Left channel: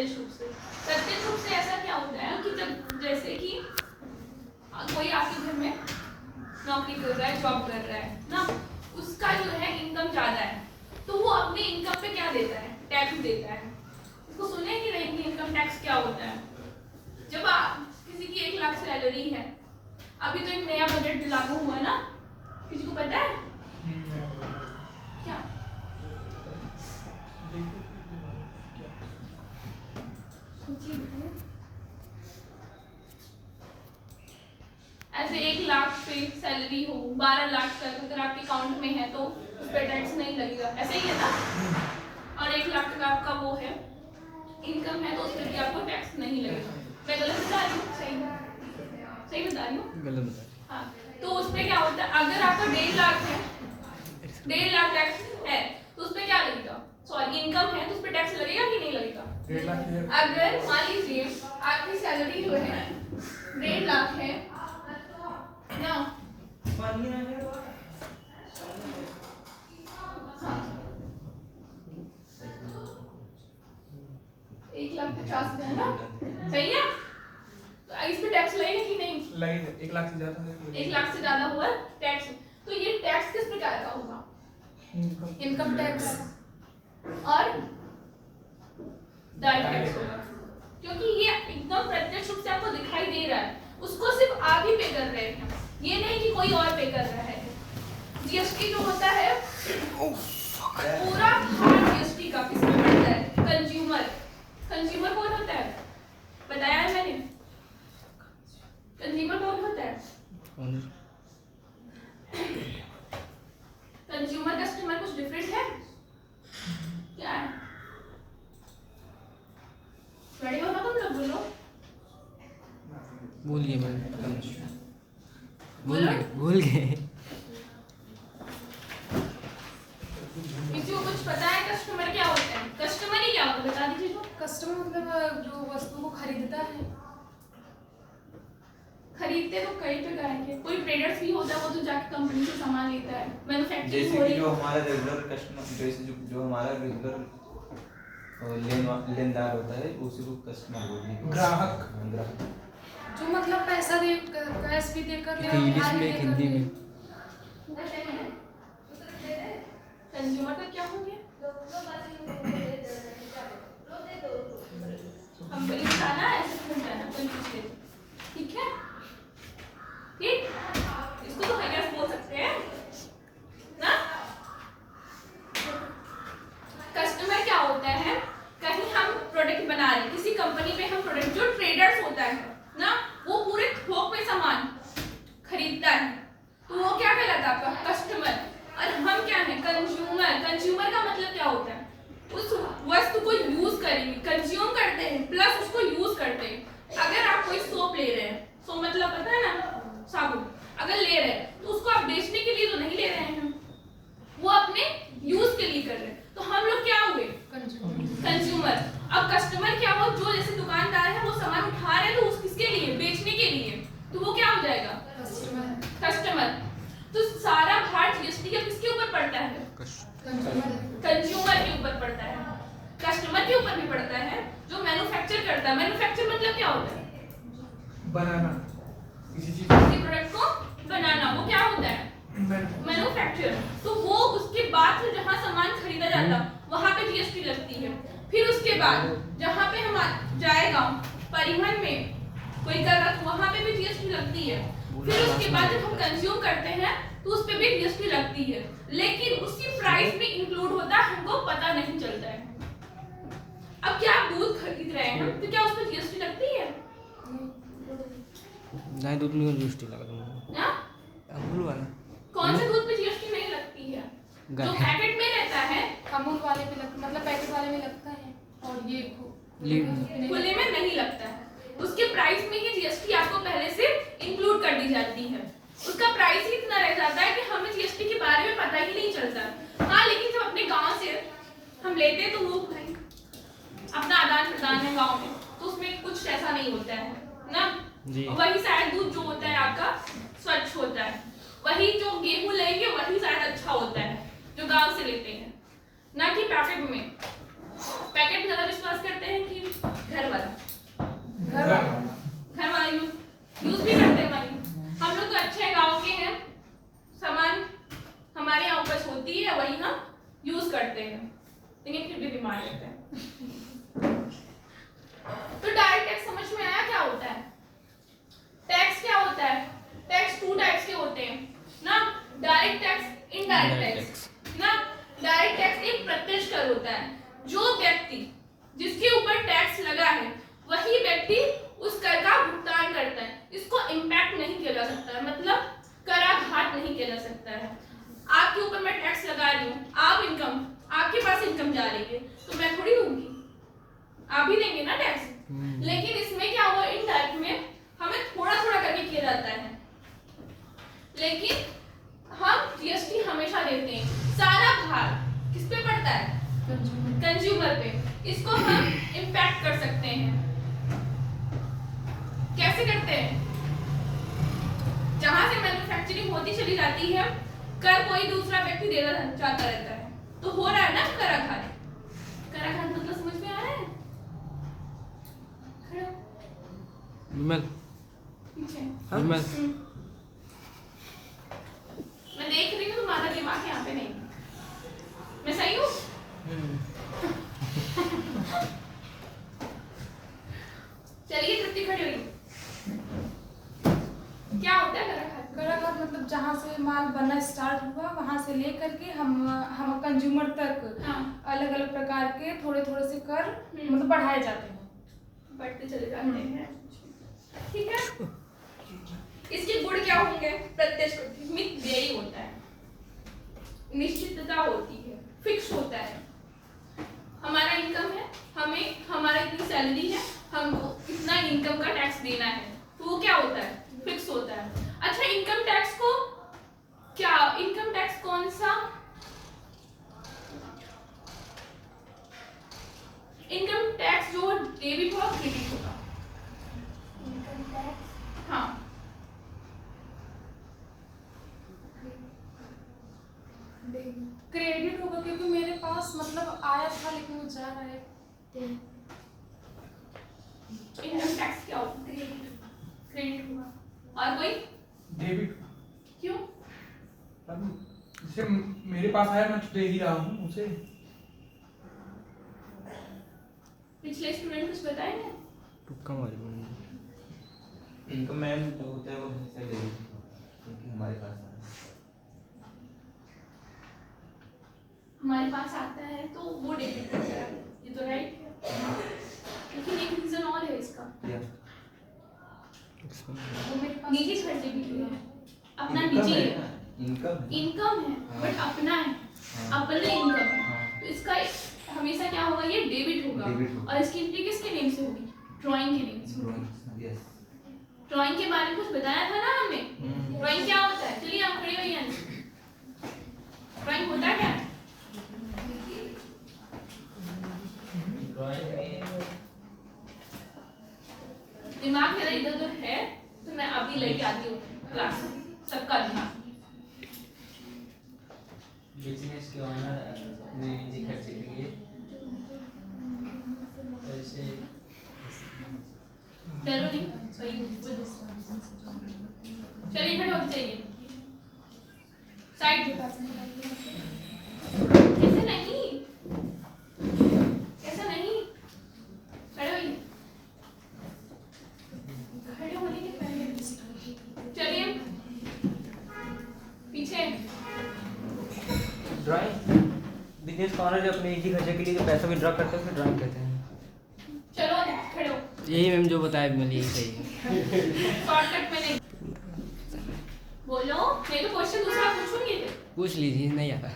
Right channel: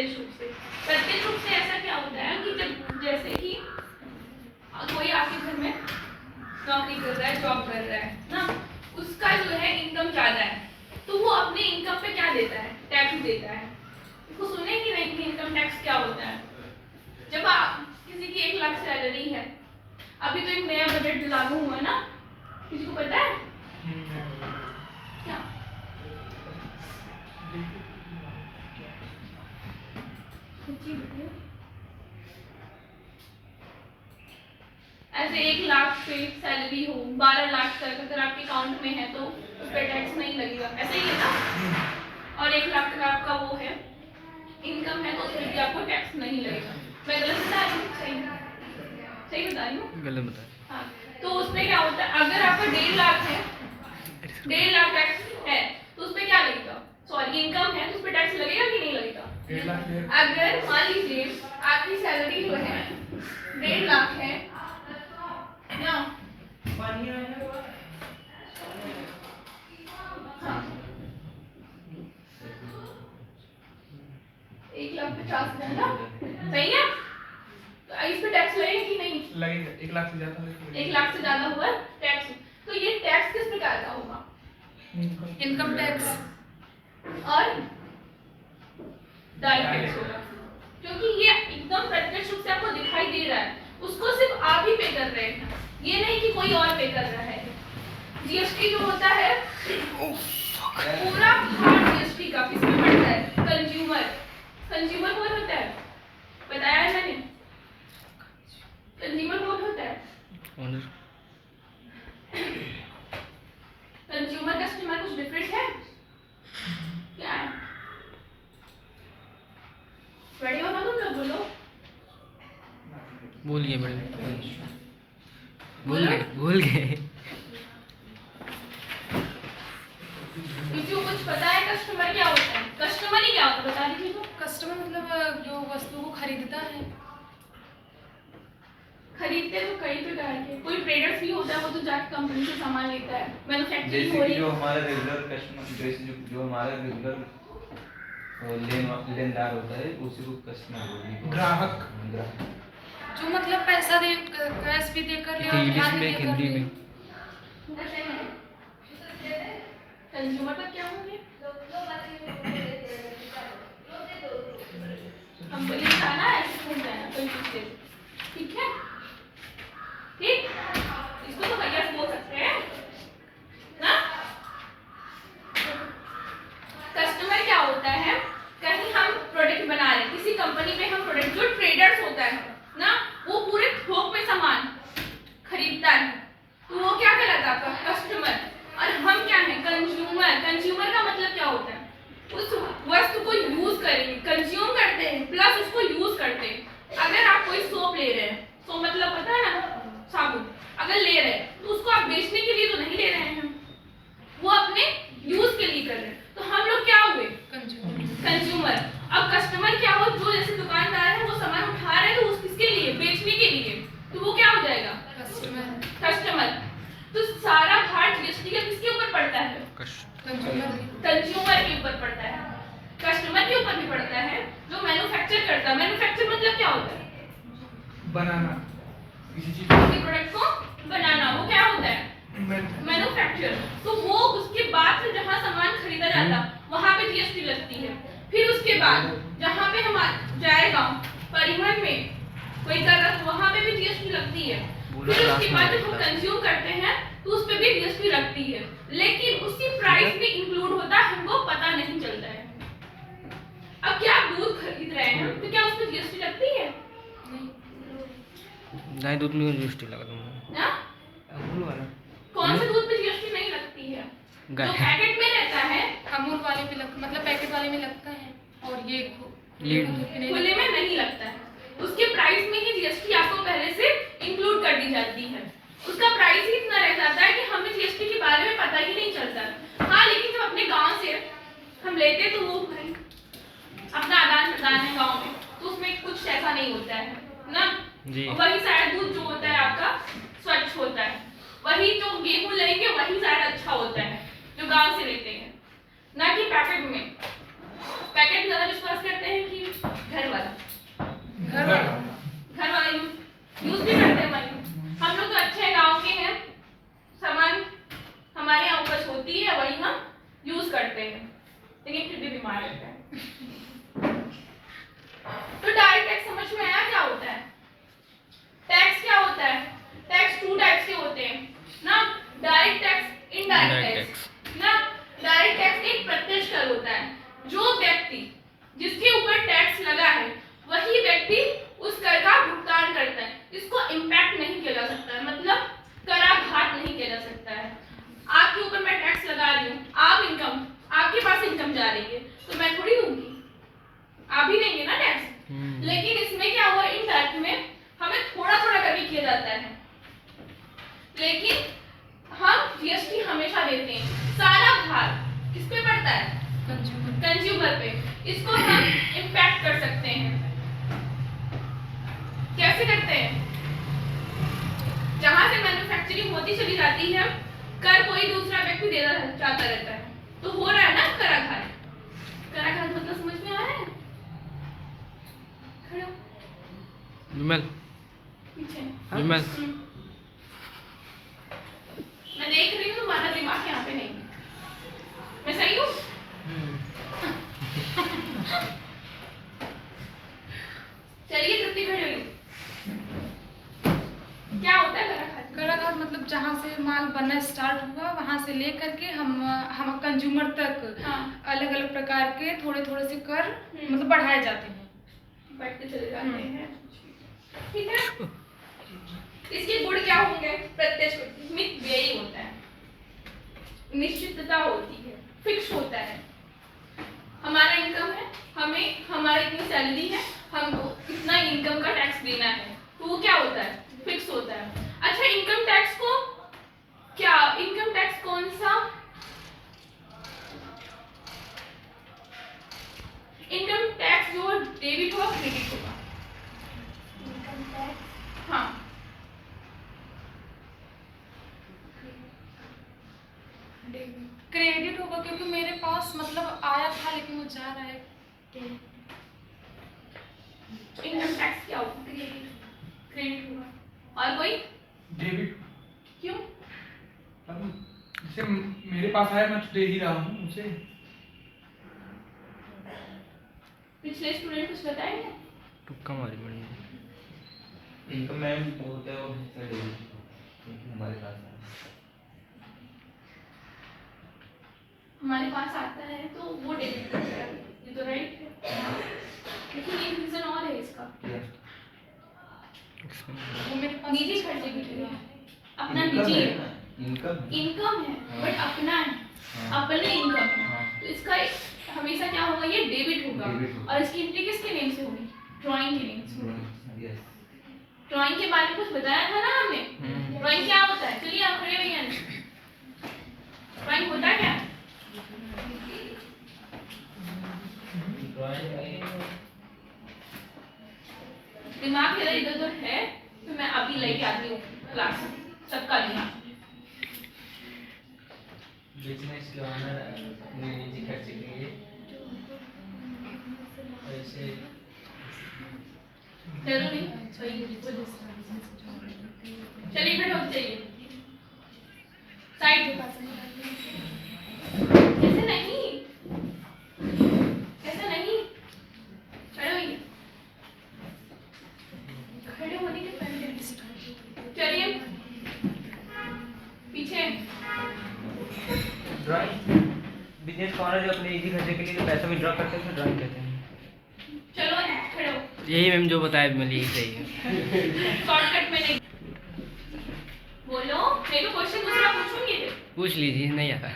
प्रत्यक्ष रूप से। प्रत्यक्ष रूप से ऐसा क्या होता है कि जब जैसे कि कोई आपके घर में नौकरी कर रहा है, जॉब कर रहा है ना, उसका जो है इनकम ज्यादा है, तो वो अपने इनकम पे क्या देता है, टैक्स देता है। उसको सुने कि नहीं कि इनकम टैक्स क्या होता है? जब आप किसी की 1 लाख सैलरी है, अभी तो एक नया बजट लागू हुआ है ना, किसी को पता है क्या? ऐसे 1 लाख पे सैलरी हो, 12 लाख तक अगर आपके अकाउंट में है तो उस पर टैक्स नहीं लगेगा, ऐसे ही है ना। और 1 लाख तक आपका वो है इनकम है तो उस पर भी आपको टैक्स नहीं लगेगा। मैं गलत बता रही हूँ? सही बता रही हूँ? गलत बता। हाँ, तो उसमें क्या होता है, अगर आपका 1.5 लाख है, 1.5 लाख टैक्स है तो उस पर क्या लगेगा, सॉरी इनकम है तो उस पर टैक्स लगेगा कि नहीं लगेगा? अगर मान लीजिए आपकी सैलरी जो है 1.5 लाख है ना, हाँ, 1,50,000 ना, सही है? तो इस पे टैक्स लगेगा कि नहीं लगेगा? 1 लाख से ज्यादा है, 1 लाख से ज्यादा हुआ टैक्स। तो ये टैक्स किस प्रकार का होगा? इनकम टैक्स और डायरेक्ट टैक्स होगा, क्योंकि ये एकदम प्रत्यक्ष रूप से आपको दिखाई दे रहा है, उसको सिर्फ आप ही पे कर रहे हैं, ये नहीं कि कोई और पे कर रहा है। जीएसटी जो होता है पूरा भार जीएसटी का किसमें पड़ता है? कंज्यूमर। कंज्यूमर कौन होता है, बताया है मैंने? कंज्यूमर कौन होता है? ओनर। कंज्यूमर कस्टमर कुछ डिफरेंट है क्या है? रेडी हो ना तुम लोग? बोलो बोलिए मैडम। बोलो। भूल गए। किसी को कुछ पता है कस्टमर क्या होता है? कस्टमर ही क्या होता है बता दीजिए तो। कस्टमर मतलब जो वस्तु को खरीदता है। खरीदते तो कई प्रकार के, कोई ट्रेडर्स भी होता है, वो तो जाके कंपनी से सामान लेता है, मैन्युफैक्चरिंग हो जैसे रही कि है। जो हमारा रेगुलर कस्टमर, जैसे जो हमारा रेगुलर लेनदार होता है उसी को कस्टमर बोलते हैं। ग्राहक। जो मतलब पैसा दे, कैश भी देकर या इंग्लिश उधार में लेकर हिंदी ले। में। कंज्यूमर का क्या हो गया? कंपनी का ना ऐसे घूमता है ना कंफ्यूज है, ठीक है? ठीक, इसको तो भैया से बोल सकते हैं ना। कस्टमर क्या होता है, कहीं हम प्रोडक्ट बना रहे हैं किसी कंपनी में, हम प्रोडक्ट, जो ट्रेडर्स होता है ना, वो पूरे थोक में सामान खरीदता है, तो वो क्या कहलाता है आपका कस्टमर। और हम क्या है, कंज्यूमर। कंज्यूमर का मतलब क्या होता है, उस वस्तु को यूज करेंगे, कंज्यूम करते हैं प्लस उसको यूज करते हैं। अगर आप कोई सोप ले रहे हैं, सोप मतलब पता है ना, साबुन, अगर ले रहे हैं तो उसको आप बेचने के लिए तो नहीं ले रहे हैं, वो अपने यूज के लिए कर रहे हैं। तो हम लोग क्या हुए, कंज्यूमर। अब कस्टमर क्या हो, जो जैसे दुकानदार है वो सामान उठा रहे हैं तो उस किसके लिए, बेचने के लिए, तो वो क्या हो जाएगा, कस्टमर। तो सारा भार जीएसटी का किसके ऊपर पड़ता है, कंज्यूमर के ऊपर पड़ता है। कस्टमर के ऊपर भी पड़ता है जो मैन्युफैक्चर करता है। मैन्युफैक्चर मतलब क्या होता है, बनाना, किसी चीज किसी प्रोडक्ट को बनाना, वो क्या होता है, मैन्युफैक्चर। तो वो उसके बाद फिर जहाँ सामान खरीदा जाता वहाँ पे जीएसटी लगती है। फिर उसके बाद जहाँ पे हम जाएगा परिवहन में कोई जगह, तो वहाँ पे भी जीएसटी लगती है। फिर उसके बाद जब हम कंज्यूम करते हैं तो उस पे भी जीएसटी लगती है, लेकिन उसकी प्राइस में इंक्लूड होता है, हमको पता नहीं चलता है। अब क्या आप दूध खरीद रहे हैं तो क्या उस पे जीएसटी लगती है? गाय दूध में जीएसटी लगा ना? कौन से दूध पे जीएसटी नहीं लगती है? जो पैकेट में रहता है, अमूल वाले पे मतलब पैकेट वाले में लगता है, और ये खुले में नहीं लगता है। उसके प्राइस में ही जीएसटी आपको पहले से इंक्लूड कर दी जाती है। उसका प्राइस ही इतना रह जाता है कि हमें जीएसटी के बारे में पता ही नहीं चलता। हाँ, लेकिन जब अपने गांव से हम लेते हैं तो वो भाई अपना आदान प्रदान है गांव में, तो उसमें कुछ ऐसा नहीं होता है ना जी। वही शायद दूध जो होता है आपका स्वच्छ होता है, वही जो गेहूं लेंगे वही शायद अच्छा होता है जो गांव से लेते हैं, ना कि पैकेट में। पैकेट में ज्यादा विश्वास करते हैं कि मार देते हैं। तो डायरेक्ट टैक्स समझ में आया क्या होता है? टैक्स क्या होता है? टैक्स 2 टाइप्स के होते हैं ना, डायरेक्ट टैक्स, इनडायरेक्ट टैक्स ना। डायरेक्ट टैक्स एक प्रत्यक्ष कर होता है, जो व्यक्ति जिसके ऊपर टैक्स लगा है वही व्यक्ति उस कर का भुगतान करता है। इसको इम्पैक्ट नहीं किया जा सकता है, मतलब कराघात नहीं किया जा सकता है। आपके ऊपर मैं टैक्स लगा रही हूँ, आप इनकम, आपके पास इनकम जा रही है, तो मैं थोड़ी दूंगी, आप ही देंगे ना टैक्स। लेकिन इसमें क्या हुआ, इनडायरेक्ट में हमें थोड़ा थोड़ा करके किया जाता है, लेकिन हम जीएसटी हमेशा देते हैं। सारा भार किस पे पड़ता है? कंज्यूमर पे। इसको हम इम्पैक्ट कर सकते हैं। कैसे करते हैं? जहां से मैन्युफैक्चरिंग होती चली जाती है, कर कोई दूसरा व्यक्ति देना चाहता रहता है, तो हो रहा है ना कराघात। कराघात मतलब समझ में आ रहा है? खड़े हो। विमल पीछे। विमल मैं देख रही हूँ तुम्हारा दिमाग यहाँ पे नहीं है। मैं सही हूँ? चलिए तृप्ति खड़ी हुई। क्या होता है कराघात? कराघात मतलब जहाँ से माल बनना स्टार्ट हुआ वहाँ से लेकर के हम कंज्यूमर तक हाँ। अलग अलग प्रकार के थोड़े थोड़े से कर मतलब बढ़ाए जाते हैं, बढ़ते चले जाते हैं, ठीक है। इसके गुण क्या होंगे? प्रत्यक्ष मित व्यय होता है, निश्चितता होती है, फिक्स होता है। हमारा इनकम है, हमें हमारा इतनी सैलरी है, हमको इतना इनकम का टैक्स देना है, तो वो क्या होता है? फिक्स होता है। अच्छा, इनकम टैक्स को क्या, इनकम टैक्स कौन सा, इनकम टैक्स जो डेबिट होगा क्रेडिट होगा? हाँ, क्रेडिट होगा क्योंकि मेरे पास मतलब आया था लेकिन वो जा रहा है। इनकम टैक्स क्या होगा? क्रेडिट होगा। और कोई? डेबिट। क्यों? जैसे मेरे पास आया, मैं दे ही रहा हूँ उसे। पिछले स्टूडेंट कुछ बताएंगे? तुक्का मारी मैडम। इनकम में जो होता है वो हिस्सा डेबिट हमारे पास है। हमारे पास आता है तो वो डेबिट करता है, ये तो राइट है। लेकिन एक रीजन और है इसका, वो मेरे पास निजी खर्चे के लिए है, अपना इनकम निजी है है, ना, इनकम इनकम है बट अपना है, अपने इनकम है, तो इसका हमेशा क्या होगा, ये डेबिट डेबिट होगा। होगा। और इसकी एंट्री किसके नेम से होगी? ड्राइंग के नेम से होगी। यस। ड्राइंग के बारे में कुछ बताया था ना हमने, ड्राइंग क्या होता है? चलिए आप खड़े होइए। ड्राइंग होता क्या है? दिमाग मेरा इधर उधर है तो मैं अभी लेके आती हूँ क्लास में, सबका दिमाग। बिजनेस के ऑनर अपने निजी खर्चे के लिए पैसे जरूर नहीं चलिए बैठो, चाहिए साइड ऐसे नहीं, ऐसे नहीं, खड़े होइए, खड़े होने के पहले चलिए पीछे। ड्राइंग बिजनेस का ऑनर जो अपने निजी खर्चे के लिए जो पैसा विड्रॉ करते हैं उसे ड्राइंग कहते हैं। चलो खड़े हो, यही मैम जो बताया मैंने यही सही है। शॉर्टकट में नहीं बोलो, मेरे को क्वेश्चन दूसरा पूछूंगी थे। पूछ लीजिए, नहीं आता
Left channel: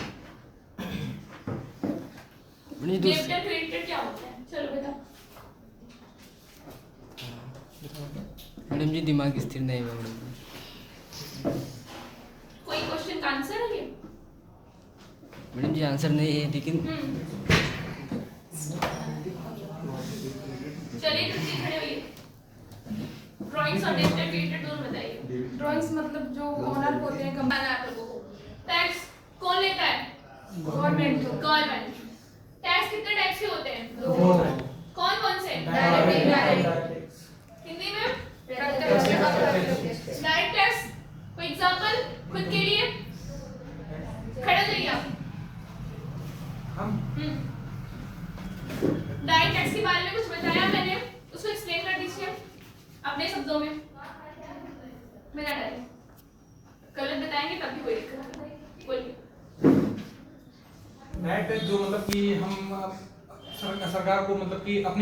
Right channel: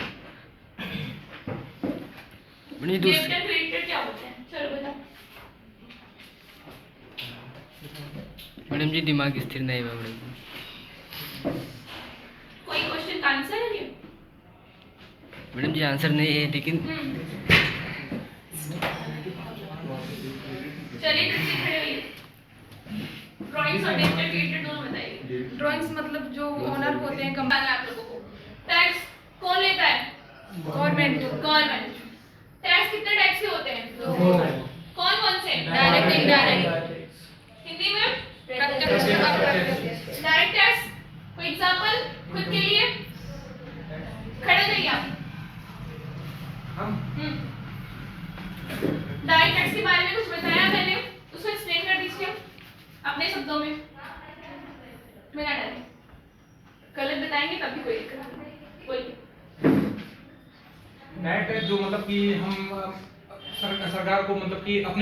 madam ji. Debit and credit क्या होते हैं? चलो बताओ। मैडम जी दिमाग स्थिर नहीं है मैडम जी। कोई क्वेश्चन का आंसर है ये? मैडम जी आंसर नहीं है लेकिन चलिए तुमसे खड़े होइए, ड्राइंग्स और डेबिट एंड क्रेडिट दोनों बताइए। ड्राइंग्स मतलब जो ओनर होते हैं बताना है आप लोगों को। टैक्स कौन लेता है? गवर्नमेंट। गवर्नमेंट। टैक्स कितने टाइप्स के होते हैं? कौन कौन से? Direct, indirect. हिंदी में प्रत्यक्ष। डायरेक्ट टैक्स, कोई एग्जांपल खुद के लिए? खड़े जाइए आप। हम डायरेक्ट टैक्स के बारे में कुछ बताया मैंने, उसको एक्सप्लेन कर दीजिए अपने शब्दों में, बिना डरे। गलत बताएंगे तब भी कोई दिक्कत नहीं, बोलिए। डायरेक्ट टैक्स जो मतलब कि हम सरकार को मतलब कि अपने